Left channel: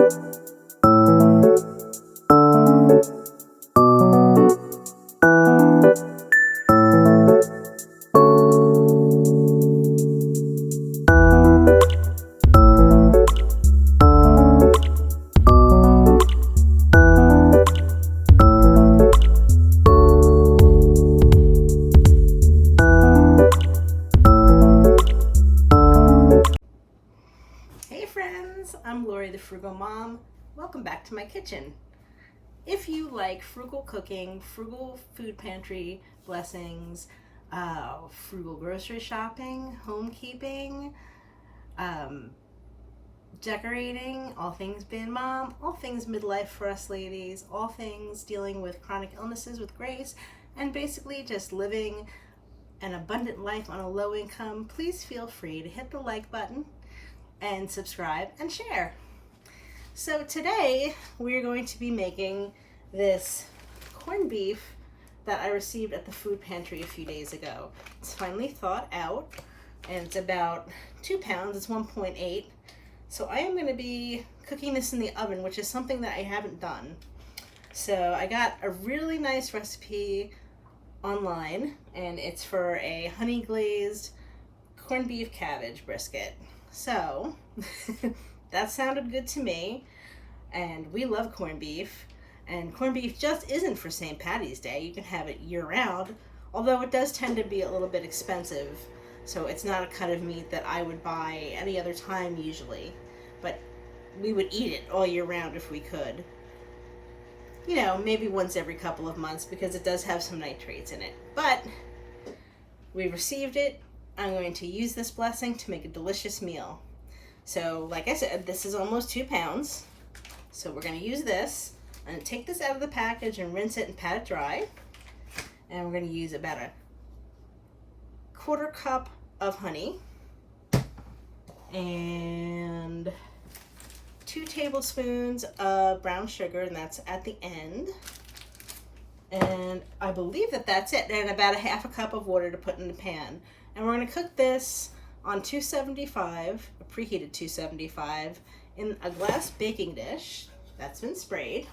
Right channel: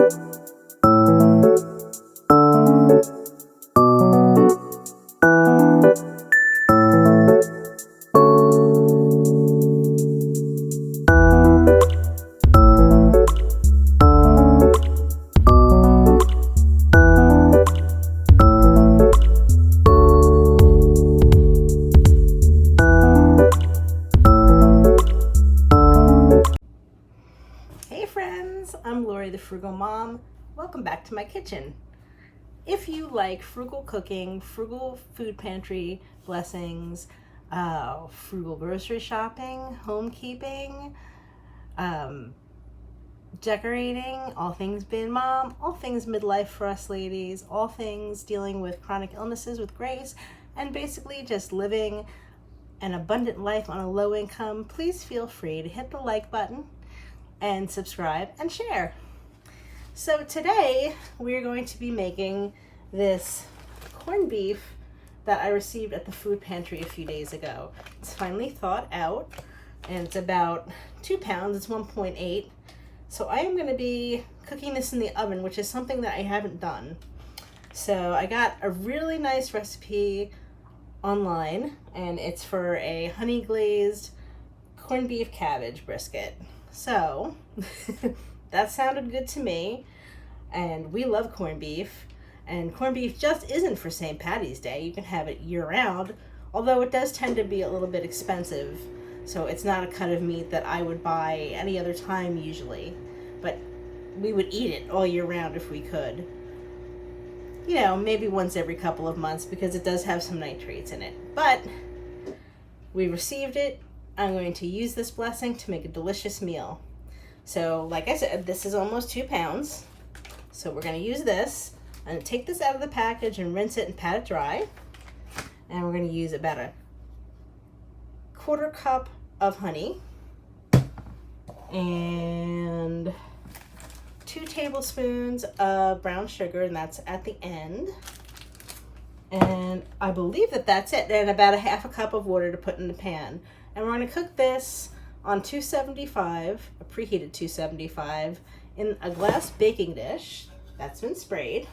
Hey friends, I'm Lori the Frugal Mom. Welcome back to my kitchen. If you like frugal cooking, frugal food pantry blessings, frugal grocery shopping, homekeeping, decorating, all things being mom, all things midlife for us ladies, all things dealing with chronic illnesses with grace, and basically just living an abundant life on a low income, please feel free to hit the like button and subscribe and share. So today we're going to be making this corned beef that I received at the food pantry a few days ago. It's finally thawed out and it's about 2 pounds, it's 1.8. So I am going to be cooking this in the oven, which is something that I haven't done. So I got a really nice recipe online and it's for a honey glazed corned beef cabbage brisket. So that sounded good to me, and we love corned beef, and corned beef just isn't for St. Patty's Day. You can have it year-round, although it does tend to be a little bit expensive, so it's not a cut of meat that I would buy any other time usually, but we would eat it all year round if we could. You know, maybe once every couple of months because it does have some nitrates in it, but we received it. I'm going to use this blessing to make a delicious meal. So like I said, this is almost 2 pounds. So we're going to use this. I'm going to take this out of the package and rinse it and pat it dry. And we're going to use about a 1/4 cup of honey and 2 tablespoons of brown sugar, and that's at the end. And I believe that that's it. And about a 1/2 cup of water to put in the pan. And we're going to cook this on 275, a preheated 275, in a glass baking dish that's been sprayed,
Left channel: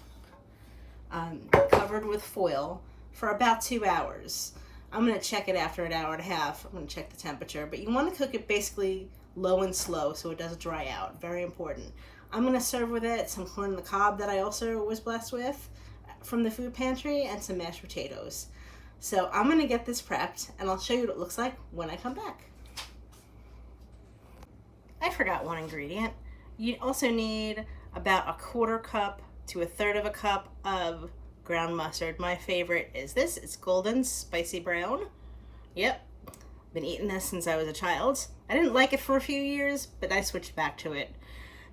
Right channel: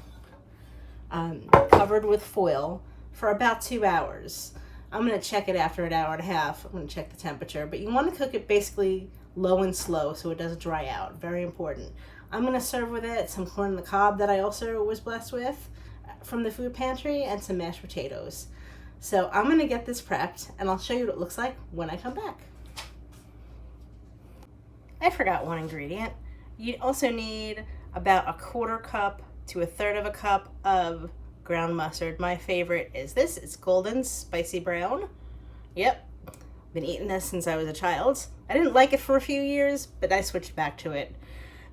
covered with foil for about 2 hours. I'm going to check it after an hour and a half. I'm going to check the temperature, but you want to cook it basically low and slow so it doesn't dry out. Very important. I'm going to serve with it some corn on the cob that I also was blessed with from the food pantry and some mashed potatoes. So I'm going to get this prepped and I'll show you what it looks like when I come back. I forgot one ingredient. You also need about a 1/4 cup to 1/3 cup of ground mustard. My favorite is this. It's golden spicy brown. Yep, been eating this since I was a child. I didn't like it for a few years, but I switched back to it.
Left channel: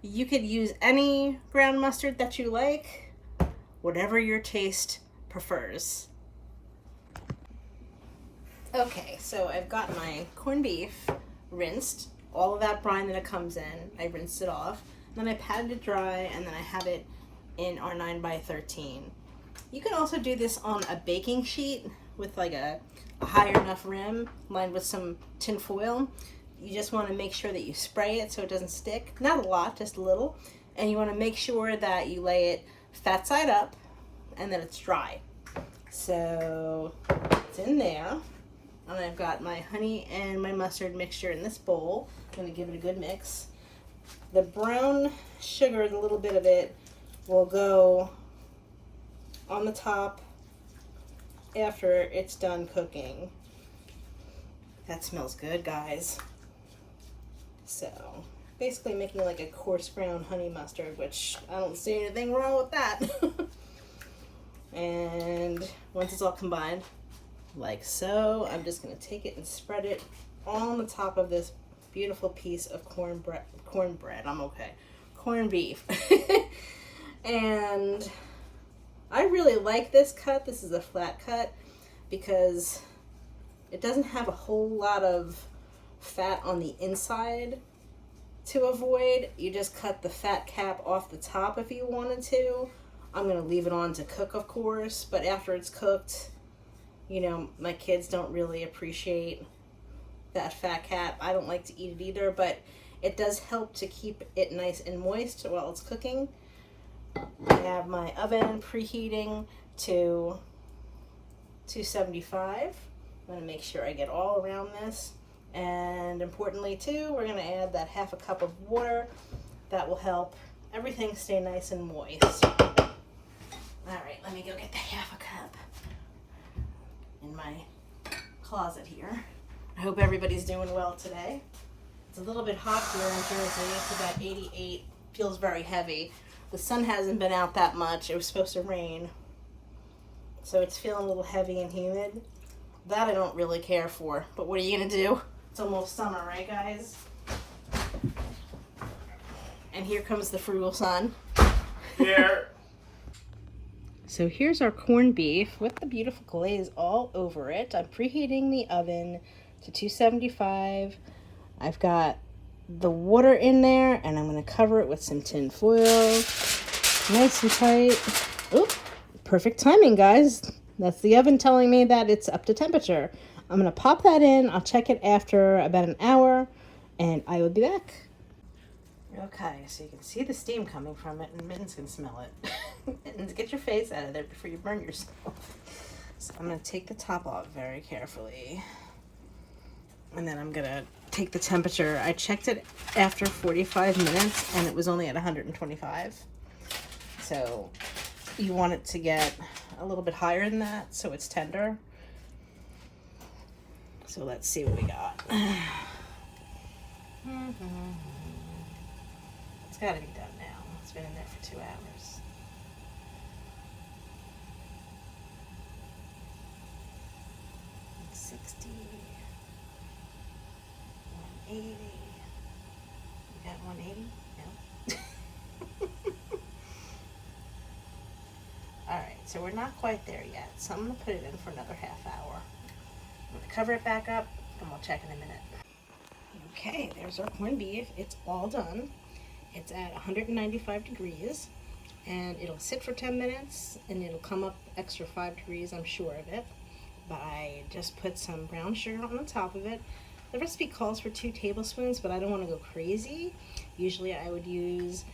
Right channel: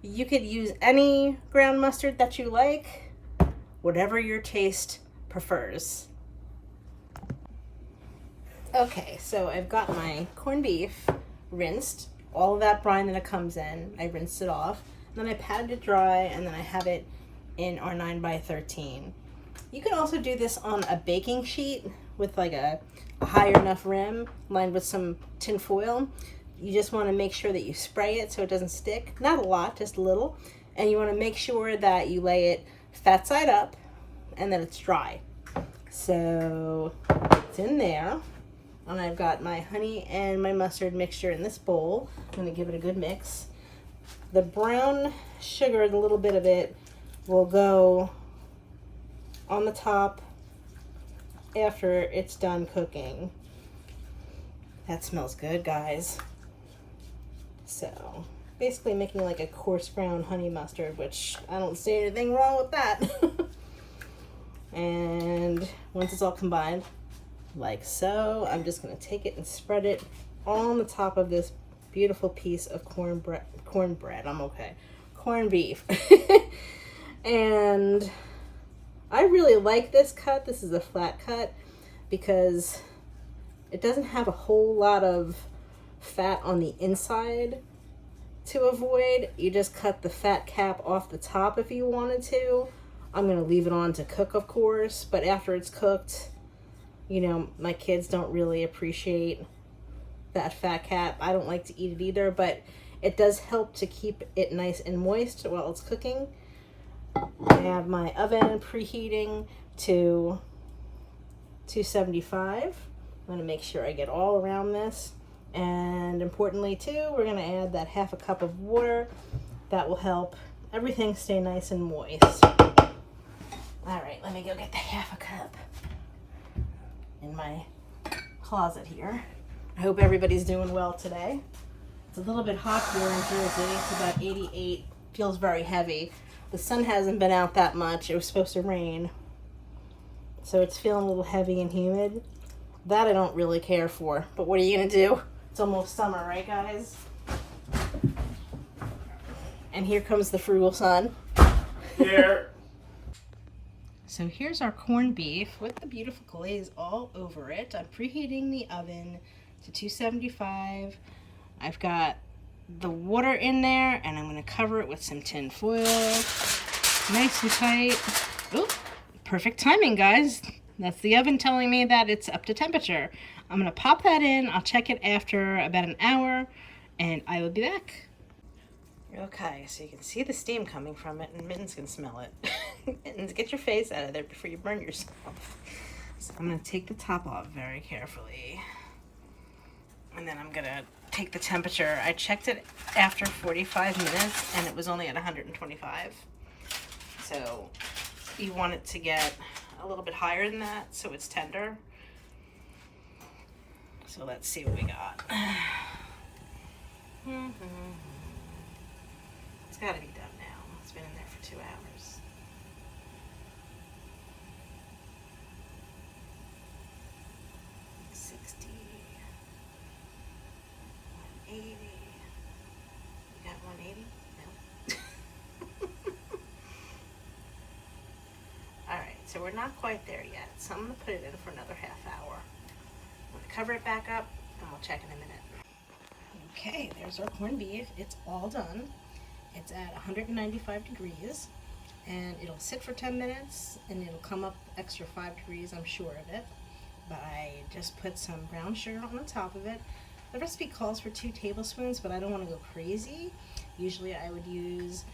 You could use any ground mustard that you like, whatever your taste prefers. Okay, so I've got my corned beef rinsed, all of that brine that it comes in, I rinsed it off, then I patted it dry, and then I have it in our 9x13. You can also do this on a baking sheet with like a higher enough rim lined with some tin foil. You just want to make sure that you spray it so it doesn't stick. Not a lot, just a little. And you want to make sure that you lay it fat side up and that it's dry. So it's in there. And I've got my honey and my mustard mixture in this bowl. I'm going to give it a good mix. The brown sugar, the little bit of it, will go on the top after it's done cooking. That smells good, guys. So basically making like a coarse brown honey mustard, which I don't see anything wrong with that. And once it's all combined, like so, I'm just going to take it and spread it on the top of this beautiful piece of corned beef. And I really like this cut. This is a flat cut because it doesn't have a whole lot of fat on the inside to avoid. You just cut the fat cap off the top if you wanted to. I'm going to leave it on to cook, of course, but after it's cooked, you know, my kids don't really appreciate that fat cap. I don't like to eat it either, but It does help to keep it nice and moist while it's cooking. I have my oven preheating to 275. I'm going to make sure I get all around this. And importantly too, we're going to add that half a cup of water. That will help everything stay nice and moist. All right, let me go get the half a cup in my closet here. I hope everybody's doing well today. It's a little bit hot here in Jersey. It's about 88. Feels very heavy. The sun hasn't been out that much. It was supposed to rain. So it's feeling a little heavy and humid. That I don't really care for. But what are you going to do? It's almost summer, right, guys? And here comes the frugal sun. Yeah. So here's our corned beef with the beautiful glaze all over it. I'm preheating the oven to 275. I've got the water in there, and I'm going to cover it with some tin foil. Nice and tight. Oop, perfect timing, guys. That's the oven telling me that it's up to temperature. I'm going to pop that in. I'll check it after about an hour, and I will be back. Okay, so you can see the steam coming from it, and Mittens can smell it. Mittens, get your face out of there before you burn yourself. So I'm going to take the top off very carefully. And then I'm going to take the temperature. I checked it after 45 minutes, and it was only at 125. So you want it to get a little bit higher than that so it's tender. So let's see what we got. It's got to be done now. It's been in there for 2 hours. It's 60, 180. You got 180? No. All right, so we're not quite there yet. So I'm going to put it in for another half hour. I'm going to cover it back up, and we'll check in a minute. Okay, there's our corned beef. It's all done. It's at 195 degrees, and it'll sit for 10 minutes, and it'll come up extra 5 degrees, I'm sure of it. But I just put some brown sugar on the top of it. The recipe calls for 2 tablespoons, but I don't want to go crazy. Usually I would use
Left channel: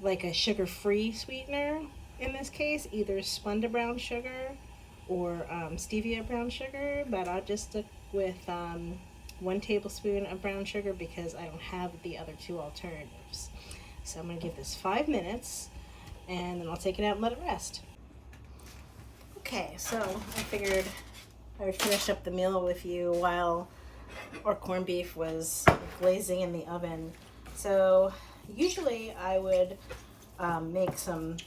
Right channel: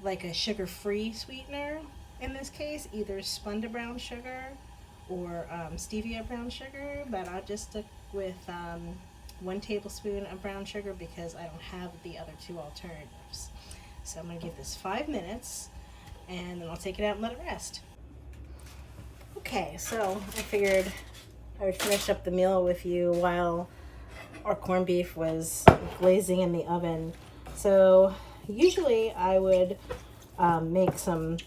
like a sugar-free sweetener in this case, either Splenda brown sugar or stevia brown sugar, but I'll just stick with 1 tablespoon of brown sugar because I don't have the other 2 alternatives. So I'm going to give this 5 minutes, and then I'll take it out and let it rest. Okay, so I figured I would finish up the meal with you while our corned beef was glazing in the oven. So usually I would make some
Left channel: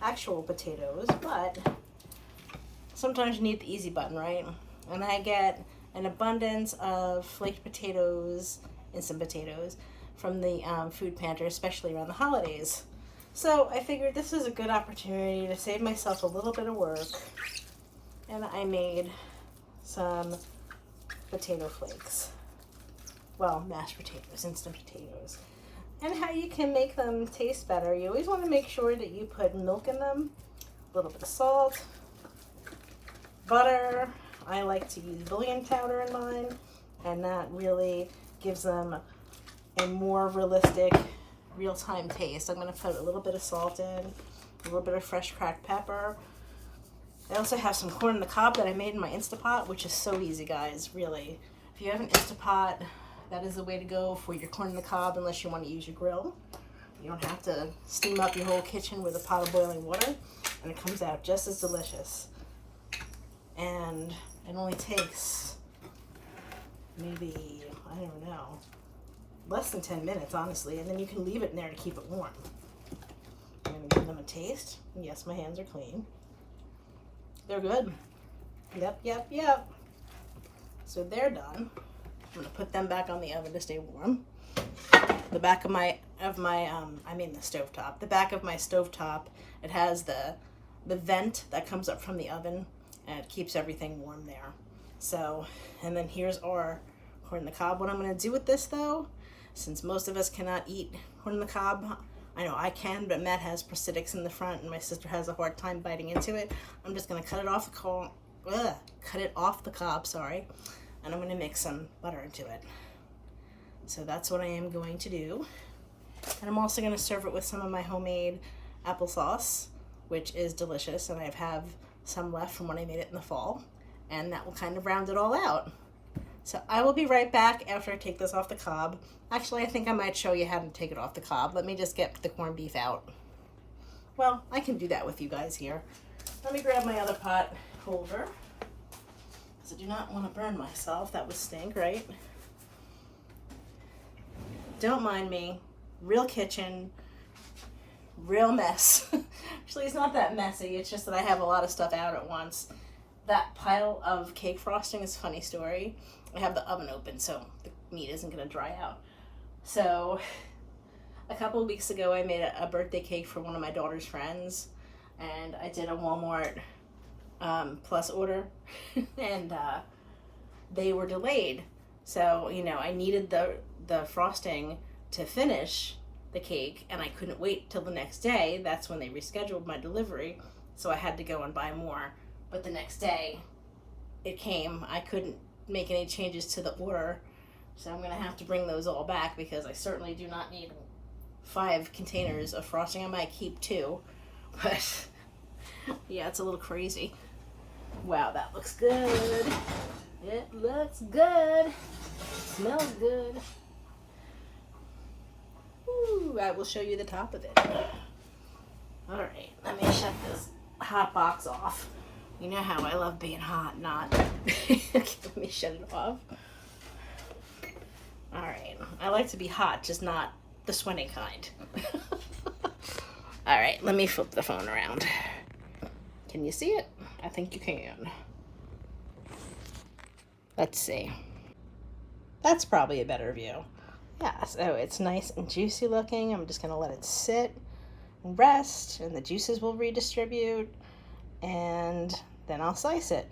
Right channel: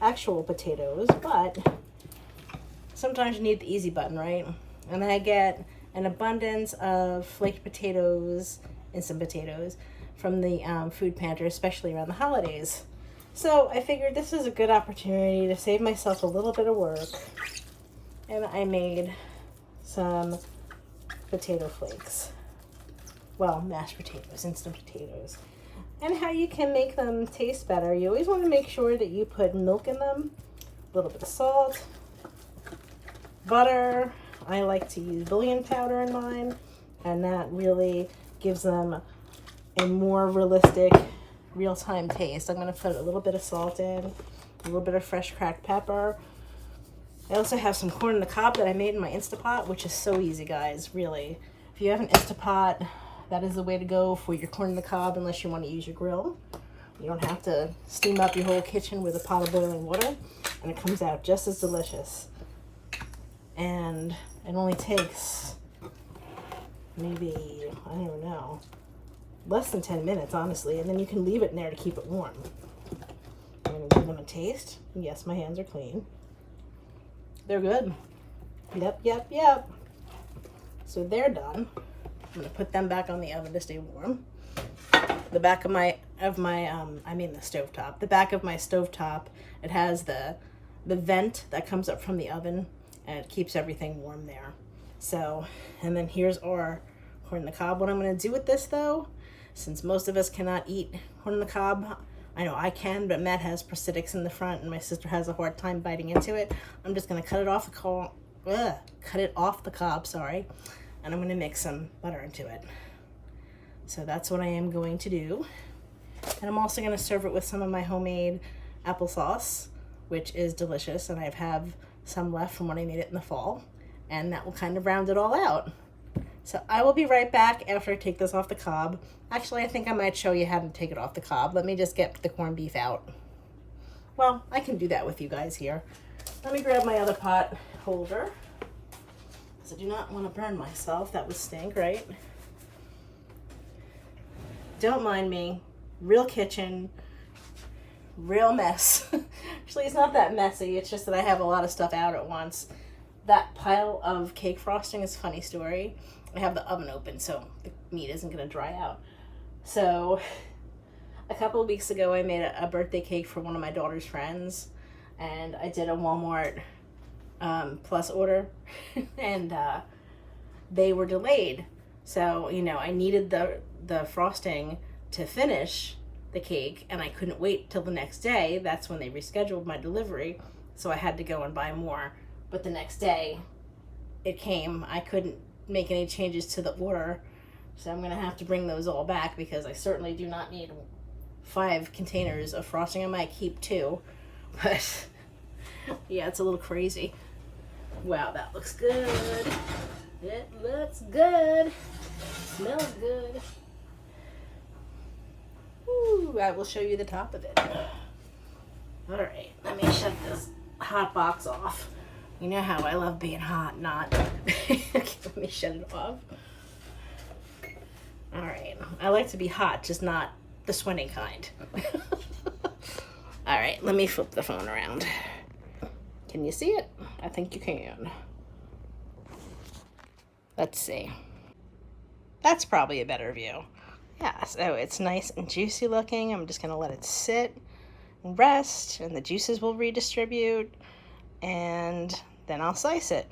actual potatoes, but sometimes you need the easy button, right? And I get an abundance of flaked potatoes, instant potatoes, from the food pantry, especially around the holidays. So I figured this is a good opportunity to save myself a little bit of work. And I made some potato flakes. Well, mashed potatoes, instant potatoes. And how you can make them taste better, you always want to make sure that you put milk in them, a little bit of salt, butter. I like to use bouillon powder in mine, and that really gives them a more realistic, real-time taste. I'm going to put a little bit of salt in, a little bit of fresh cracked pepper. I also have some corn on the cob that I made in my Instapot, which is so easy, guys, really. If you have an Instapot, that is the way to go for your corn on the cob, unless you want to use your grill. You don't have to steam up your whole kitchen with a pot of boiling water, and it comes out just as delicious. And it only takes maybe, I don't even know, less than 10 minutes, honestly, and then you can leave it in there to keep it warm. I'm going to give them a taste. Yes, my hands are clean. They're good. Yep. So they're done. I'm going to put them back on the oven to stay warm. The back of my the stovetop. The back of my stovetop, it has the vent that comes up from the oven, and it keeps everything warm there. So, and then here's our corn on the cob. What I'm going to do with this, though, since most of us cannot eat corn on the cob, I know I can, but Matt has prosthetics in the front, and my sister has a hard time biting into it. I'm just going to cut it off the cob, sorry, and I'm going to mix some butter into it. So that's what I am going to do. And I'm also going to serve it with some of my homemade applesauce, which is delicious. And I have some left from when I made it in the fall. And that will kind of round it all out. So I will be right back after I take this off the cob. Actually, I think I might show you how to take it off the cob. Let me just get the corned beef out. Well, I can do that with you guys here. Let me grab my other pot holder, because I do not want to burn myself. That would stink, right? Don't mind me. Real kitchen, real mess. Actually, it's not that messy. It's just that I have a lot of stuff out at once. That pile of cake frosting is a funny story. I have the oven open, so the meat isn't going to dry out. So a couple of weeks ago, I made a birthday cake for one of my daughter's friends, and I did a Walmart Plus order, and they were delayed. So, you know, I needed the frosting to finish the cake, and I couldn't wait till the next day. That's when they rescheduled my delivery, so I had to go and buy more. But the next day, it came. I couldn't make any changes to the order, so I'm going to have to bring those all back, because I certainly do not need 5 containers of frosting. I might keep 2, but yeah, it's a little crazy. Wow, that looks good. It looks good. Smells good. Ooh, I will show you the top of it. All right, let me shut this hot box off. You know how I love being hot, not. Okay, let me shut it off. All right, I like to be hot, just not the sweating kind. All right, let me flip the phone around. Can you see it? I think you can. Let's see. That's probably a better view. Yeah, so it's nice and juicy looking. I'm just gonna let it sit and rest, and the juices will redistribute, and then I'll slice it.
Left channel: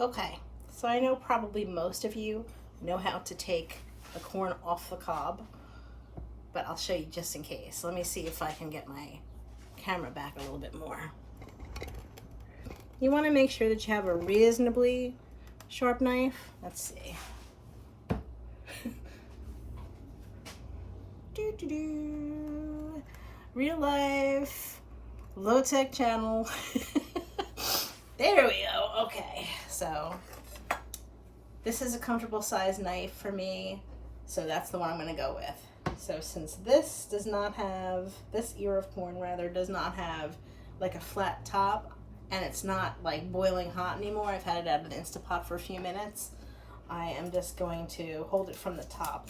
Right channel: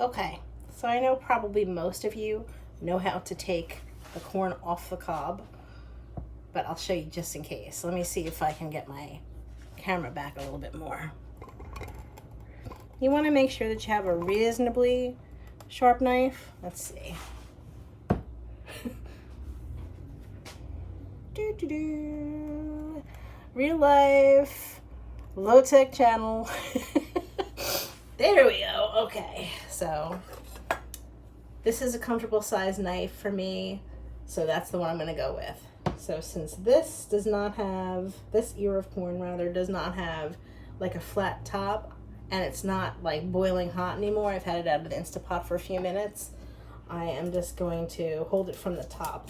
Okay, so I know probably most of you know how to take the corn off the cob, but I'll show you just in case. Let me see if I can get my camera back a little bit more. You want to make sure that you have a reasonably sharp knife. Let's see. Real life, low tech channel. There we go. Okay, so this is a comfortable size knife for me, so that's the one I'm going to go with. So since this does not have, this ear of corn rather, does not have like a flat top, and it's not like boiling hot anymore, I've had it out of the Instapot for a few minutes, I am just going to hold it from the top.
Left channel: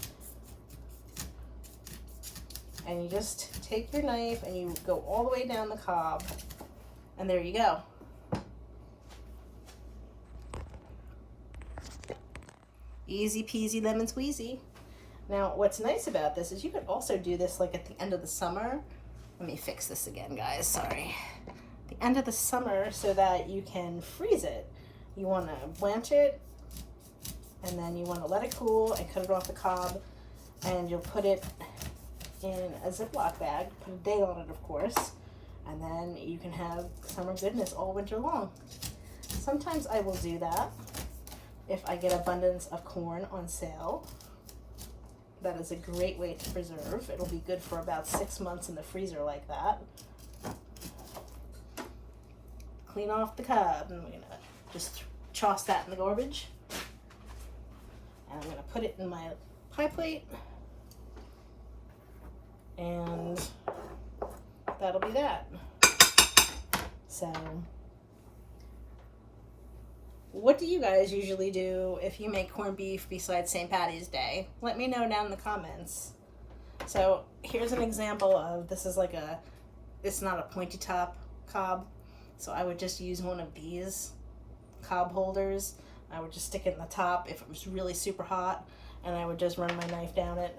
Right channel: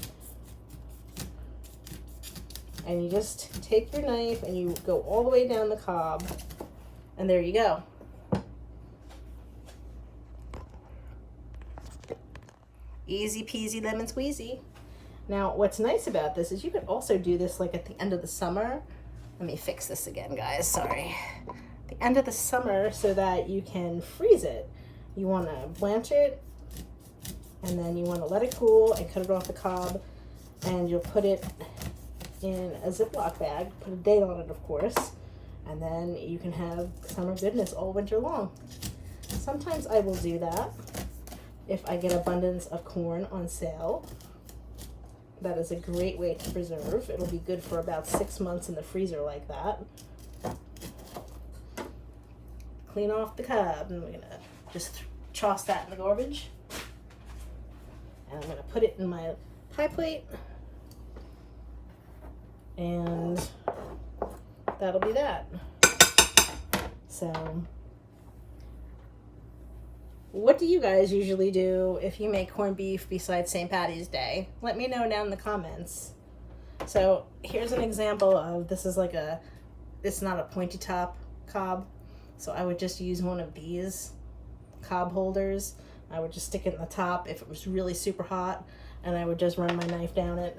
And you just take your knife and you go all the way down the cob, and there you go. Easy peasy lemon squeezy. Now, what's nice about this is you could also do this like at the end of the summer. Let me fix this again, guys, sorry. The end of the summer, so that you can freeze it. You want to blanch it, and then you want to let it cool and cut it off the cob, and you'll put it in a Ziploc bag, put a date on it, of course, and then you can have summer goodness all winter long. Sometimes I will do that if I get abundance of corn on sale. That is a great way to preserve. It'll be good for about 6 months in the freezer like that. Clean off the cob, and we're gonna just toss that in the garbage. And I'm gonna put it in my pie plate, and that'll be that. So, what do you guys usually do if you make corned beef besides St. Patty's Day? Let me know down in the comments. So here's an example of, this is like a, it's not a pointy top cob, so I would just use one of these cob holders. I would just stick it in the top if it was really super hot, and I would just run my knife down it.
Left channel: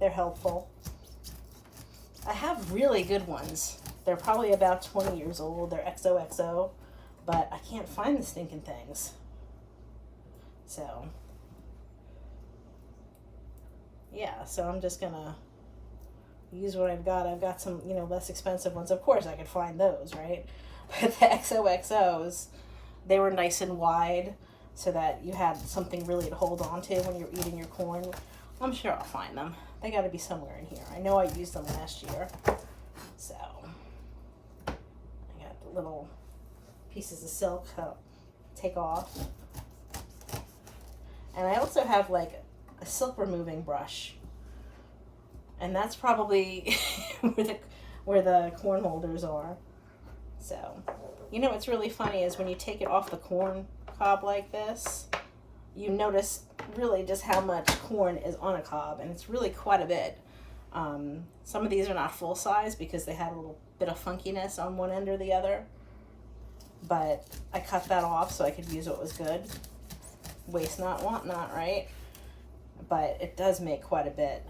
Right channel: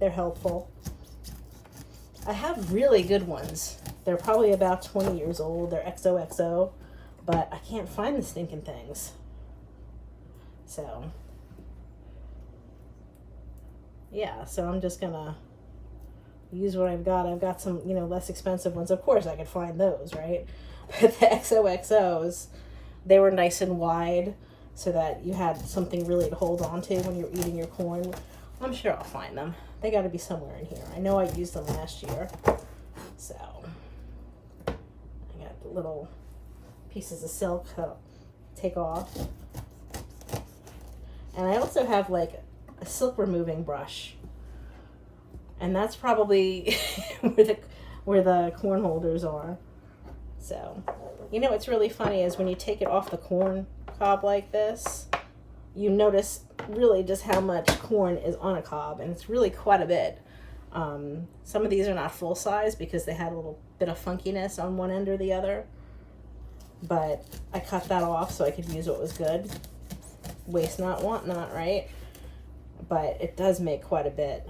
They're helpful. I have really good ones. They're probably about 20 years old. They're XOXO, but I can't find the stinking things. So, yeah, so I'm just gonna use what I've got. I've got some, you know, less expensive ones. Of course, I could find those, right? But the XOXOs, they were nice and wide. so that you had something really to hold on to when you're eating your corn. I'm sure I'll find them. They got to be somewhere in here. I know I used them last year. So I got the little pieces of silk that I'll take off. And I also have like a silk removing brush. And that's probably where the corn holders are. So, you know what's really funny is when you take it off the corn cob like this, you notice really just how much corn is on a cob, and it's really quite a bit. Some of these are not full size because they had a little bit of funkiness on one end or the other, but I cut that off so I could use what was good. Waste not, want not, right? But it does make quite a bit.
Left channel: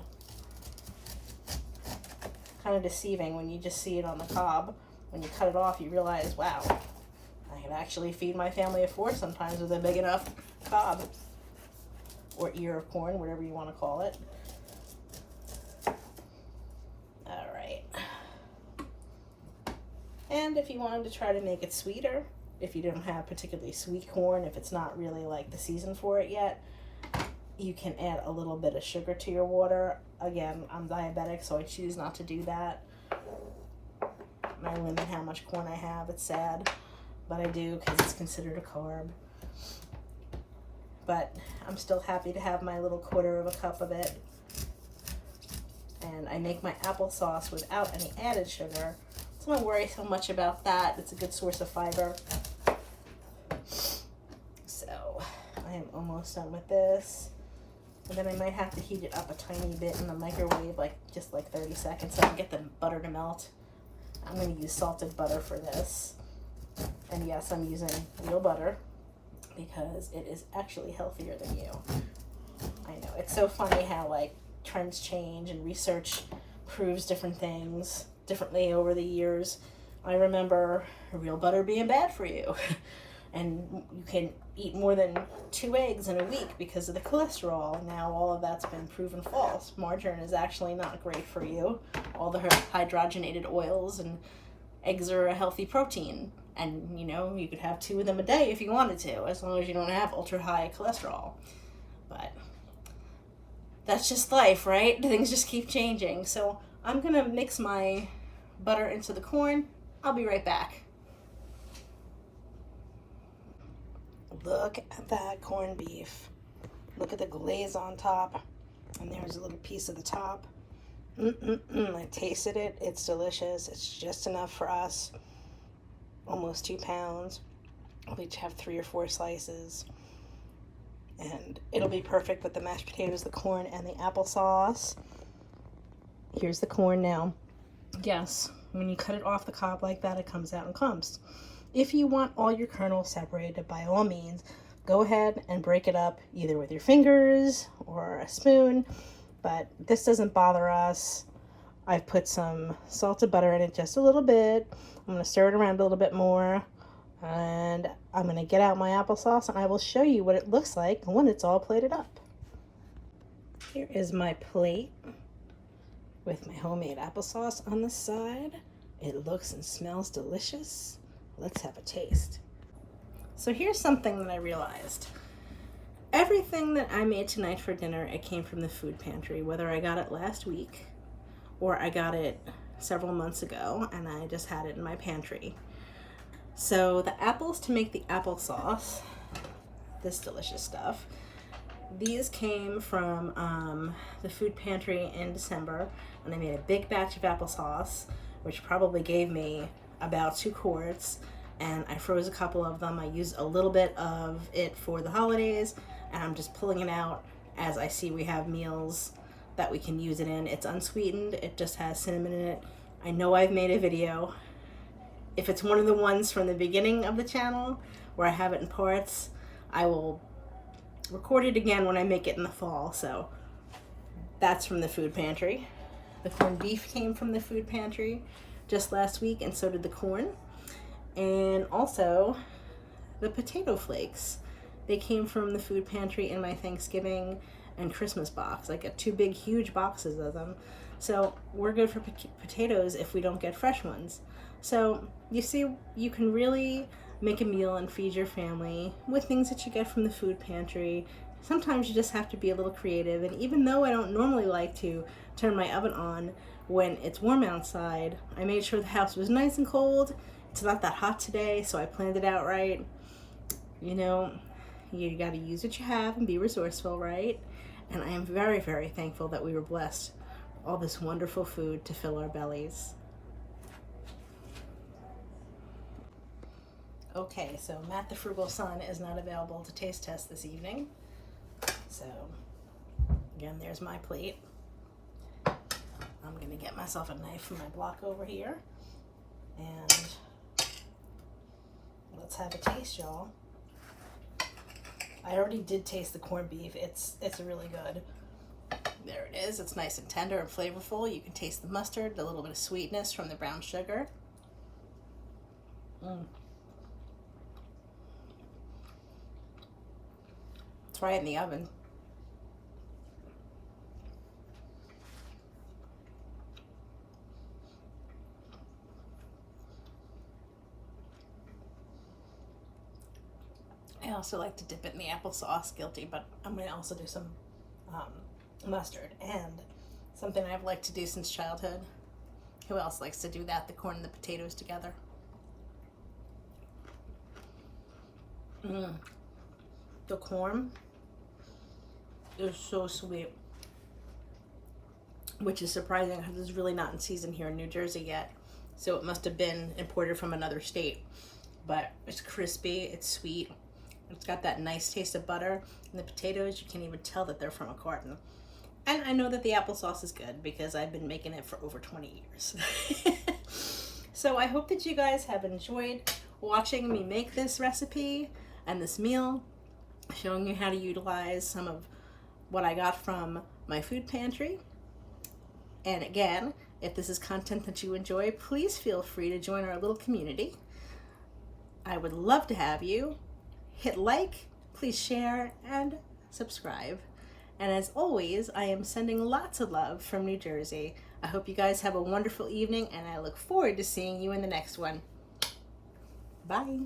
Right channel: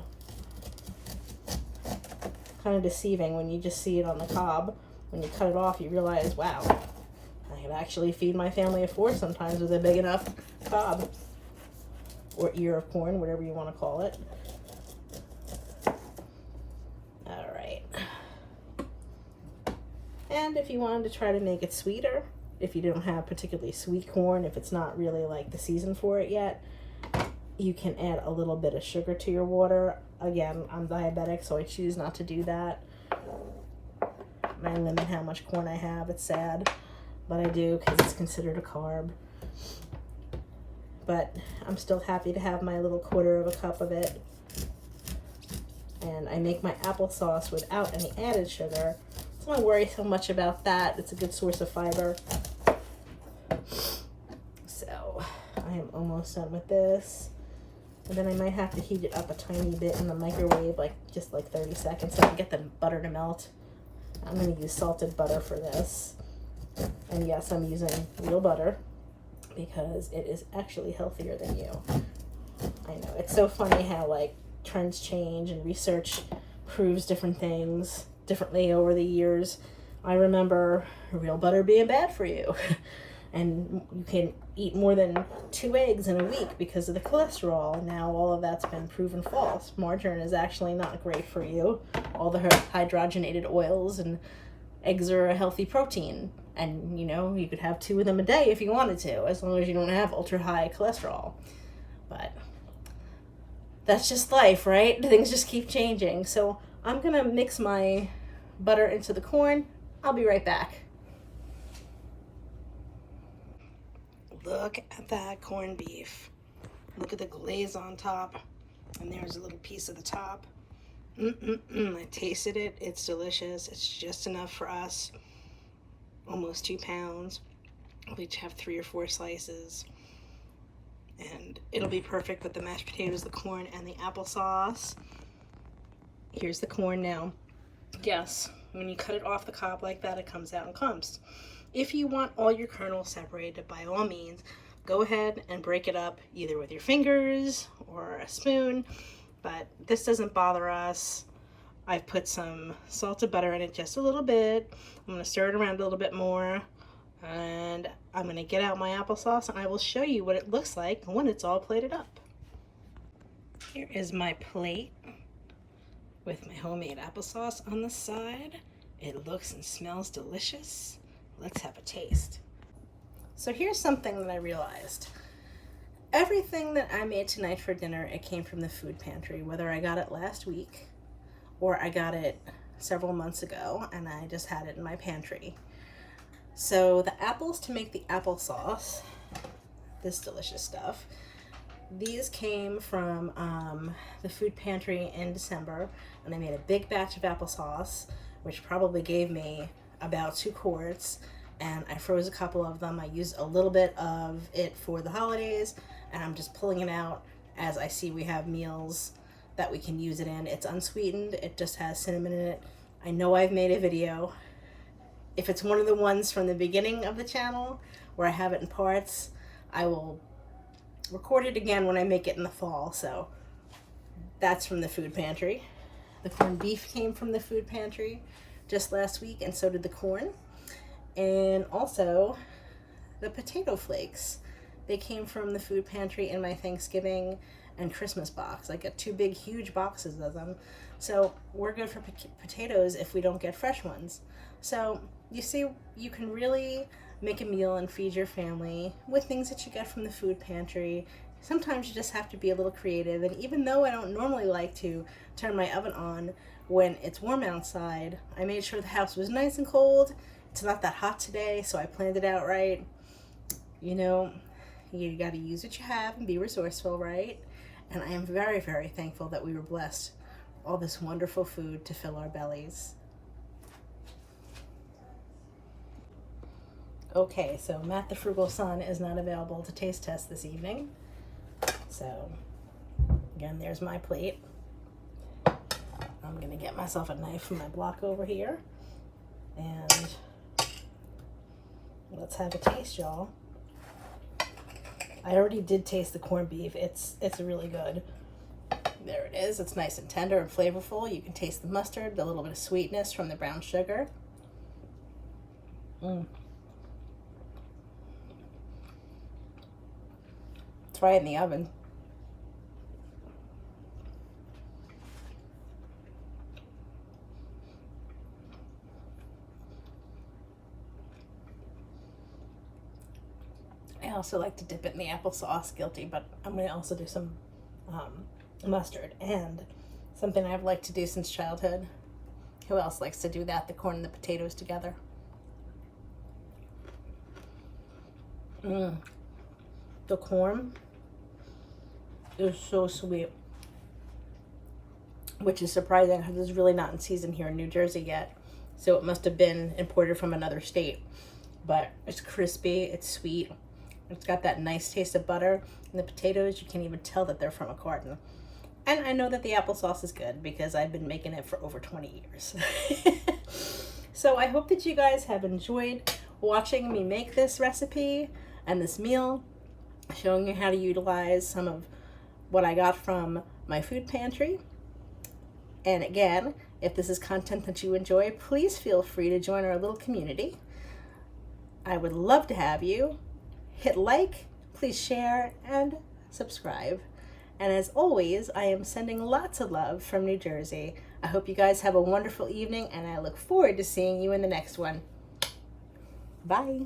Kind of deceiving when you just see it on the cob. When you cut it off, you realize, wow, I can actually feed my family of 4 sometimes with a big enough cob or ear of corn, whatever you want to call it. All right. And if you wanted to try to make it sweeter, if you don't have particularly sweet corn, if it's not really like the season for it yet, you can add a little bit of sugar to your water. Again, I'm diabetic, so I choose not to do that. And I limit how much corn I have. It's sad, but I do because it's considered a carb. But I'm still happy to have my little 1/4 of a cup of it. And I make my applesauce without any added sugar. So I don't worry so much about that. It's a good source of fiber. So I am almost done with this. And then I might have to heat it up a tiny bit in the microwave, just like 30 seconds so I can get the butter to melt. I'm going to use salted butter for this. And yes, I'm using real butter because it is actually healthier than you. I know, it's so funny how like trends change and research proves different things differently over the years. I remember real butter being bad for you. And you can eat more than 2 eggs in a week because of the cholesterol. Now all of that's been proven false. Margarine is actually not great for you. All the hydrogenated oils, and eggs are a healthy protein. And you know, you could have 2 of them a day if you wanted to, as long as you don't have ultra high cholesterol. But that's just life, right? Things just keep changing. So I'm gonna mix my butter into the corn. I'll be right back. Look at that corned beef. Look at the glaze on top. And there's a little piece of the top. I tasted it. It's delicious. It's just enough for us. Almost 2 pounds. We each have 3 or 4 slices. And it'll be perfect with the mashed potatoes, the corn, and the applesauce. Here's the corn now. Yes, when you cut it off the cob like that, it comes out in clumps. If you want all your kernels separated, by all means, go ahead and break it up either with your fingers or a spoon, but this doesn't bother us. I've put some salted butter in it just a little bit. I'm going to stir it around a little bit more, and I'm going to get out my applesauce, and I will show you what it looks like when it's all plated up. Here is my plate with my homemade applesauce on the side. It looks and smells delicious. Let's have a taste. So here's something that I realized. Everything that I made tonight for dinner, it came from the food pantry, whether I got it last week or I got it several months ago and I just had it in my pantry. So the apples to make the applesauce, this delicious stuff, these came from the food pantry in December, and they made a big batch of applesauce, which probably gave me about 2 quarts, and I froze a couple of them. I used a little bit of it for the holidays, and I'm just pulling it out as I see we have meals that we can use it in. It's unsweetened. It just has cinnamon in it. I know I've made a video. If it's one of the ones from the beginning of the channel where I have it in parts, I will record it again when I make it in the fall. So that's from the food pantry. The corned beef came from the food pantry just last week, and so did the corn. And also the potato flakes. They came from the food pantry in my Thanksgiving and Christmas box. I got 2 big, huge boxes of them. So we're good for potatoes if we don't get fresh ones. So you see, you can really make a meal and feed your family with things that you get from the food pantry. Sometimes you just have to be a little creative, and even though I don't normally like to turn my oven on when it's warm outside, I made sure the house was nice and cold. It's not that hot today, so I planned it out right. You know, you got to use what you have and be resourceful, right? And I am very, very thankful that we were blessed with all this wonderful food to fill our bellies. Okay, so Matt the Frugal Son is not available to taste test this evening. So, again, there's my plate. I'm going to get myself a knife from my block over here. And let's have a taste, y'all. I already did taste the corned beef. It's really good. There it is. It's nice and tender and flavorful. You can taste the mustard, the little bit of sweetness from the brown sugar. It's right in the oven. I also like to dip it in the applesauce, guilty, but I'm going to also do some mustard, and something I've liked to do since childhood. Who else likes to do that? The corn and the potatoes together. The corn is so sweet, which is surprising because it's really not in season here in New Jersey yet, so it must have been imported from another state. But it's crispy, it's sweet, it's got that nice taste of butter, and the potatoes, you can't even tell that they're from a carton. And I know that the applesauce is good because I've been making it for over 20 years. So I hope that you guys have enjoyed watching me make this recipe and this meal, showing you how to utilize some of what I got from my food pantry. And again, if this is content that you enjoy, please feel free to join our little community. I would love to have you. Hit like, please share, and subscribe. And as always, I am sending lots of love from New Jersey. I hope you guys have a wonderful evening, and I look forward to seeing you in the next one. Bye.